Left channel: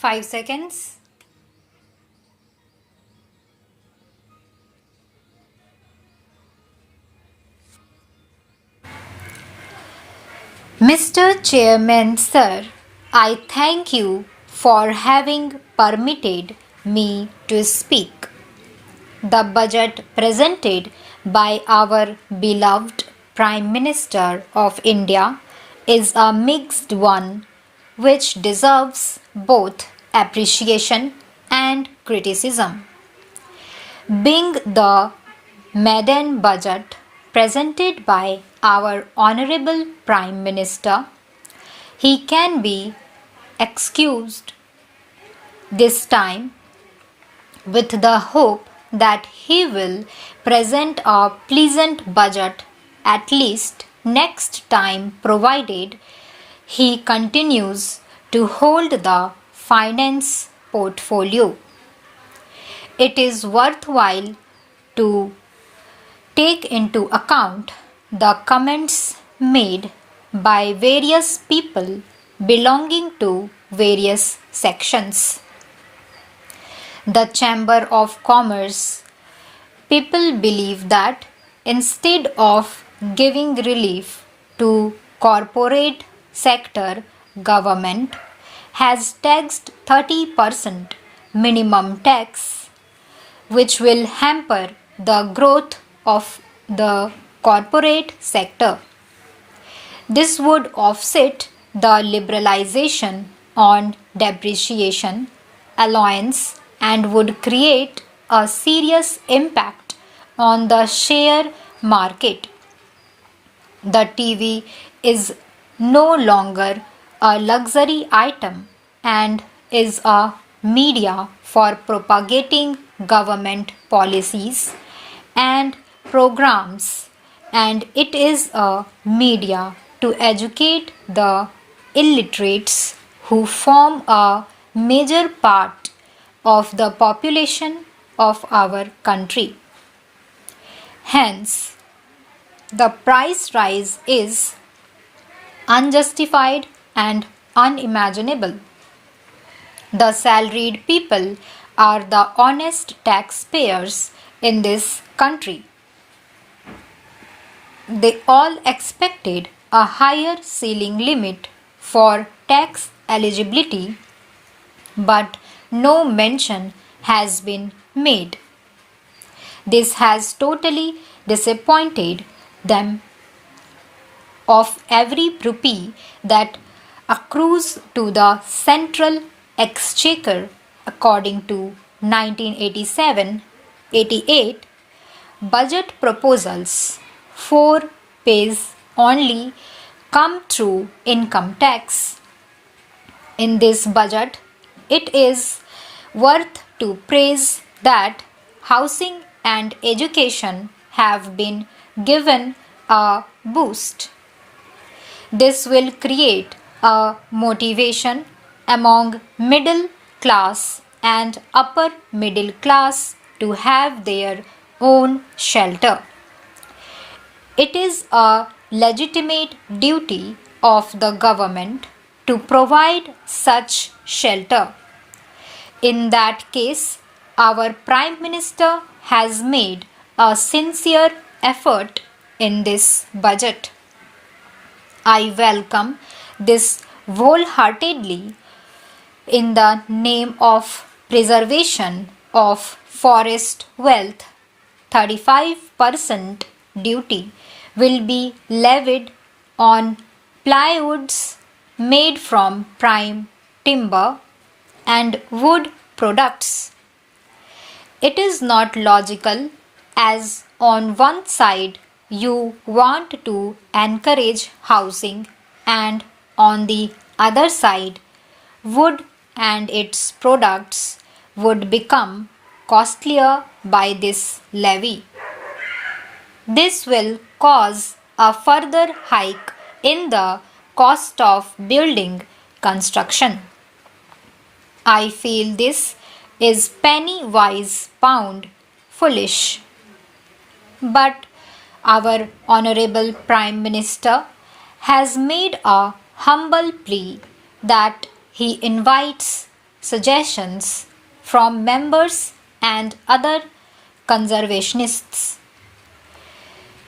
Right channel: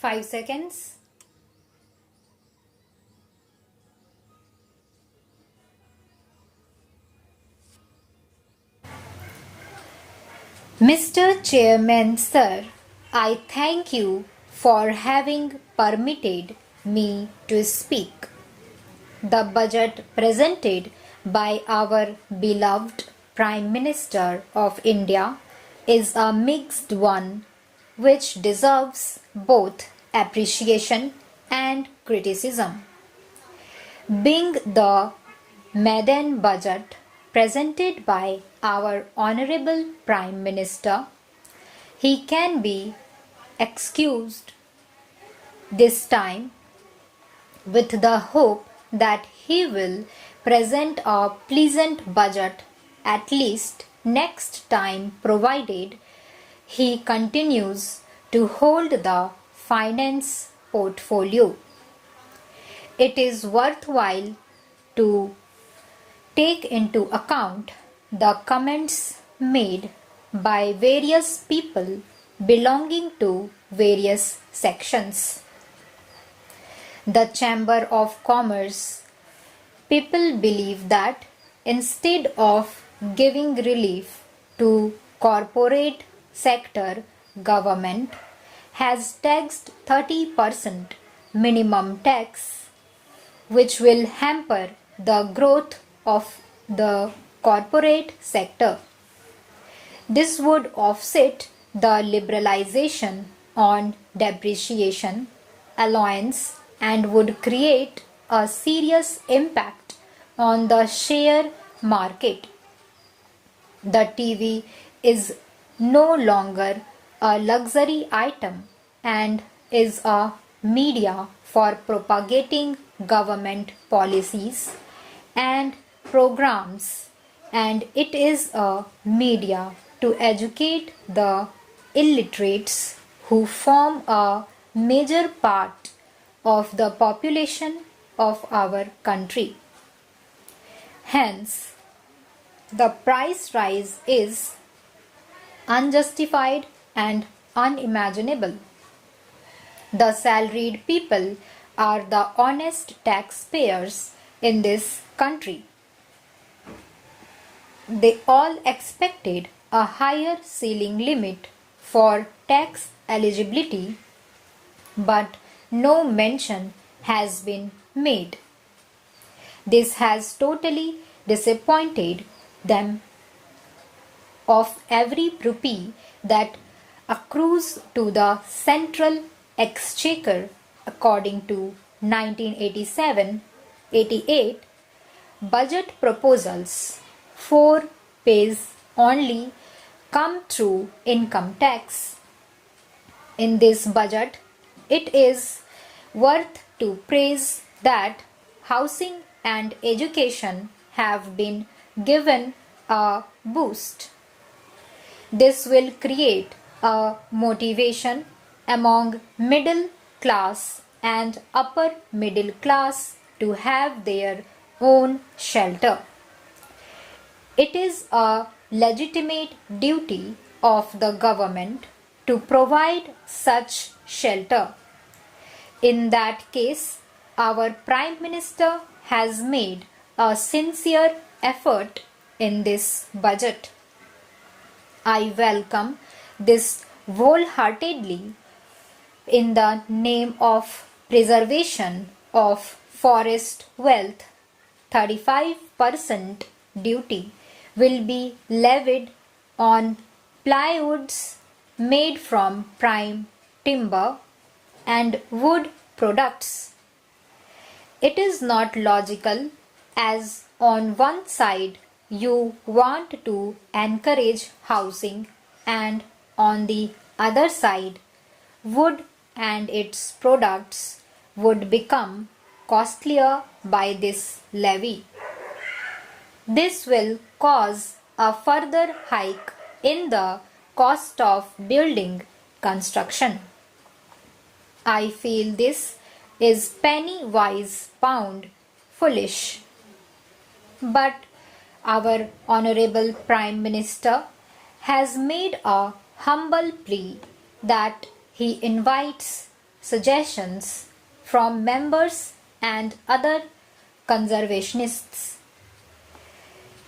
5 seconds. Mr. Chairman, sir, I thank you for having permitted me to speak. The budget presented by our beloved Prime Minister of India is a mixed one which deserves both appreciation and criticism. Being the maiden budget presented by our Honorable Prime Minister, he can be excused this time with the hope that he will present a pleasant budget at least next time, provided he continues to hold the finance portfolio. It is worthwhile to take into account the comments made by various people belonging to various sections. The Chamber of Commerce people believe that instead of giving relief to corporate sector, government has taxed 30% minimum tax, which will hamper the growth of the corporate sector. This would offset the liberalization on depreciation allowance and would create a serious impact on the share market. The TV is no longer a luxury item and is a media for propagating government policies and programs, and it is a media to educate the illiterates who form a major part of the population of our country. Hence, the price rise is unjustified and unimaginable. The salaried people are the honest taxpayers in this country. They all expected a higher ceiling limit for tax eligibility, but no mention has been made. This has totally disappointed them. Of every rupee that accrues to the central exchequer according to 1987-88 budget proposals, 4 pays only come through income tax. In this budget, it is worth to praise that housing and education have been given a boost. This will create a motivation among middle class and upper middle class to have their own shelter. It is a legitimate duty of the government to provide such shelter. In that case, our Prime Minister has made a sincere effort in this budget. I welcome this wholeheartedly in the name of preservation of forest wealth. 35% duty will be levied on plywoods made from prime timber and wood products. It is not logical, as on one side you want to encourage housing and on the other side wood and its products would become costlier by this levy. This will cause a further hike in the cost of building construction. I feel this is penny wise pound foolish. But our Honorable Prime Minister has made a humble plea that he invites suggestions from members and other conservationists.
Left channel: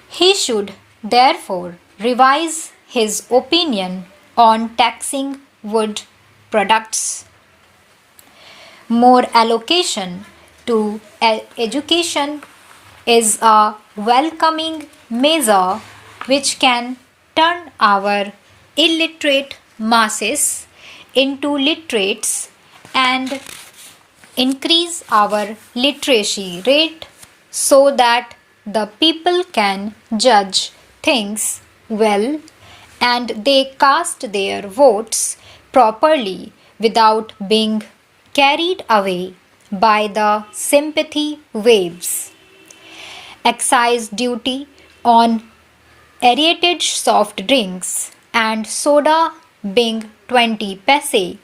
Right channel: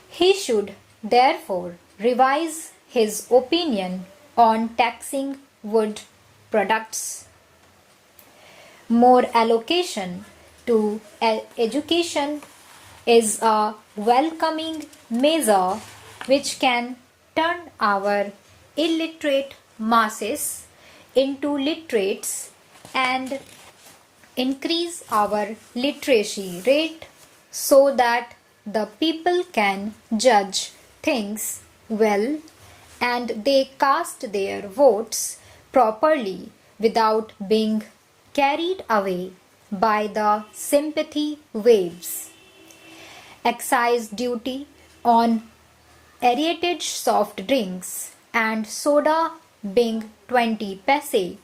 He should therefore revise his opinion on taxing wood products. More allocation to education is a welcoming measure which can turn our illiterate masses into literates and increase our literacy rate so that the people can judge things well and they cast their votes properly without being carried away by the sympathy waves. Excise duty on aerated soft drinks and soda being 20 paise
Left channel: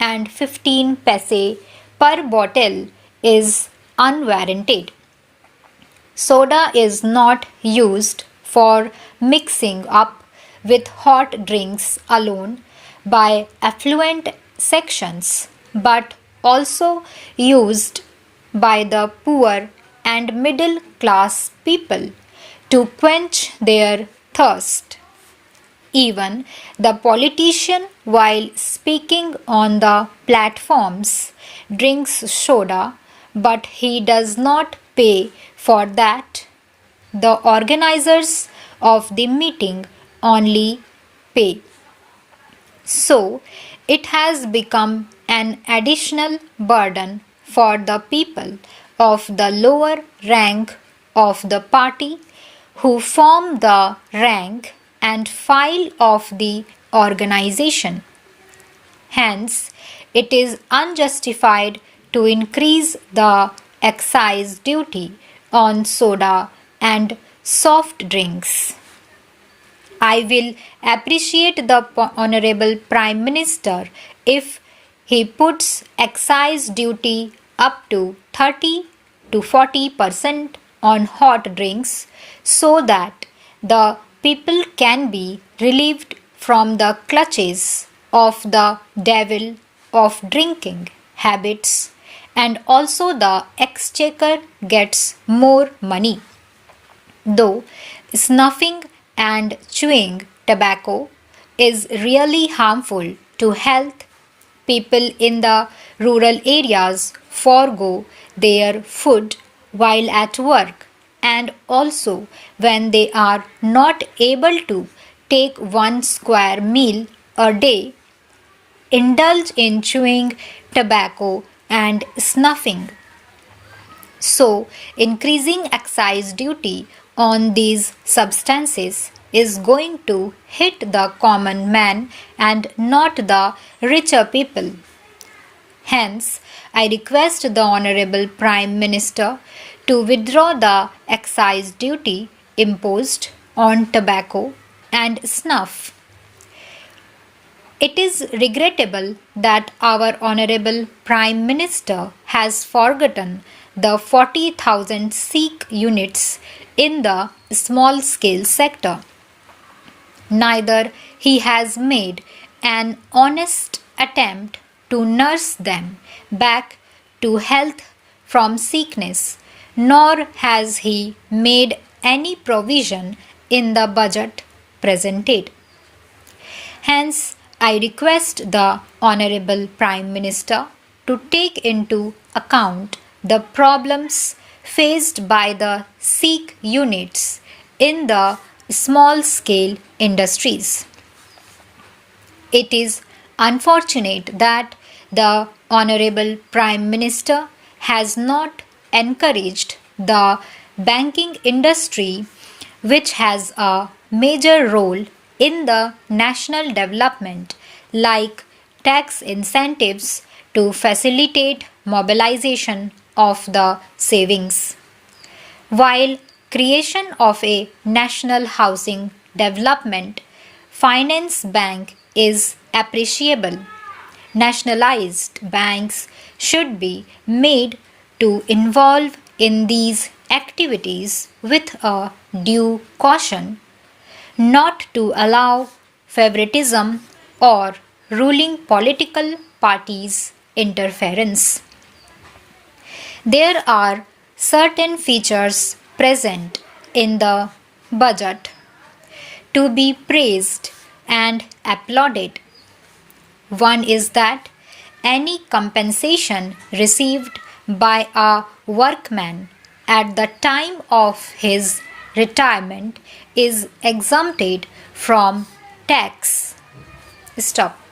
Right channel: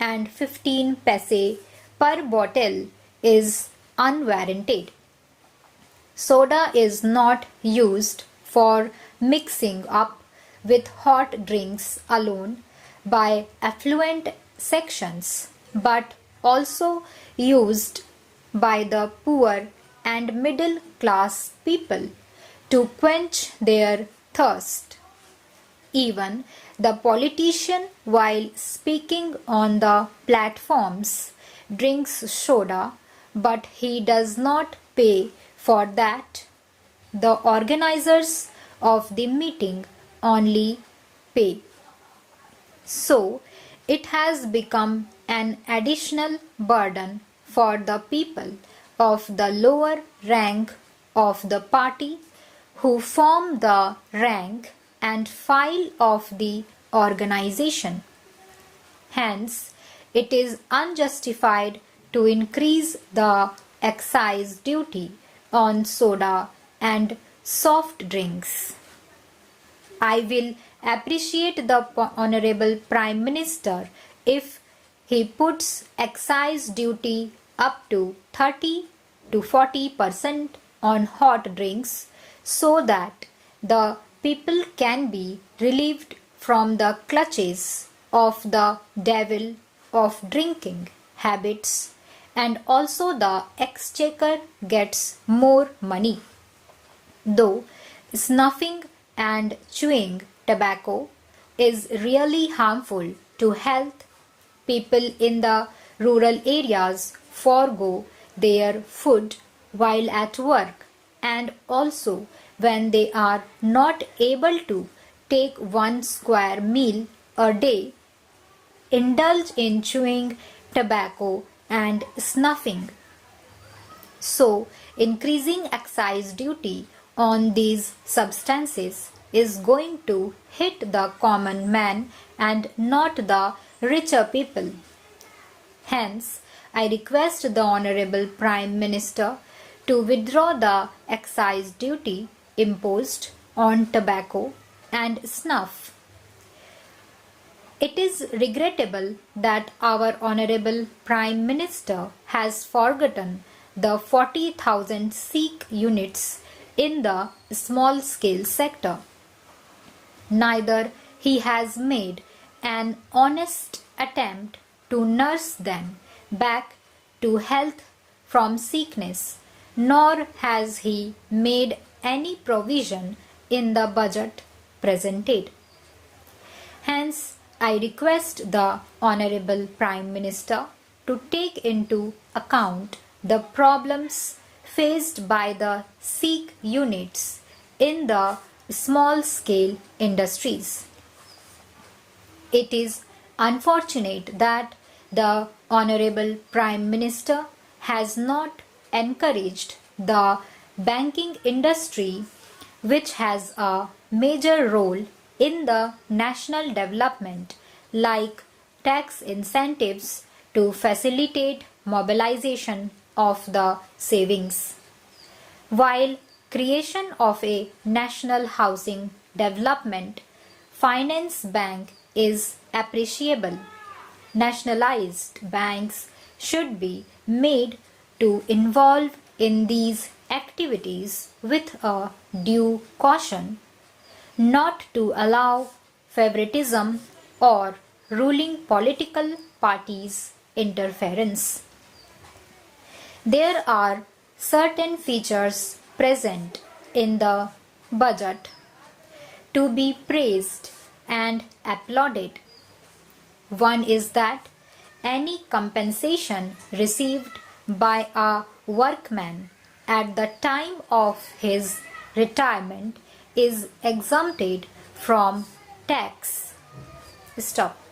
and 15 paise per bottle is unwarranted. Soda is not used for mixing up with hot drinks alone by affluent sections, but also used by the poor and middle class people to quench their thirst. Even the politician, while speaking on the platforms, drinks soda, but he does not pay for that. The organizers of the meeting only pay. So, it has become an additional burden for the people of the lower rank of the party who form the rank and file of the organization. Hence, it is unjustified to increase the excise duty on soda and soft drinks. I will appreciate the Honorable Prime Minister if he puts excise duty up to 30 to 40% on hot drinks so that the people can be relieved from the clutches of the devil of drinking habits, and also the exchequer gets more money. Though snuffing and chewing tobacco is really harmful to health, people in the rural areas forego their food while at work, and also when they are not able to take one square meal a day, indulge in chewing tobacco and snuffing. So, increasing excise duty on these substances is going to hit the common man and not the richer people. Hence, I request the Honorable Prime Minister to withdraw the excise duty imposed on tobacco and snuff. It is regrettable that our Honorable Prime Minister has forgotten the 40,000 Sikh units in the small scale sector. Neither he has made an honest attempt to nurse them back to health from sickness, nor has he made any provision in the budget presented. Hence, I request the Honorable Prime Minister to take into account the problems faced by the Sikh units in the small scale industries. It is unfortunate that the Honorable Prime Minister has not encouraged the banking industry, which has a major role in the national development, like tax incentives to facilitate mobilization of the savings. While creation of a national housing development finance bank is appreciable, nationalized banks should be made to involve in these activities with a due caution, not to allow favoritism or ruling political parties interference. There are certain features present in the budget to be praised and applauded. One is that any compensation received by a workman at the time of his retirement is exempted from tax. Stop.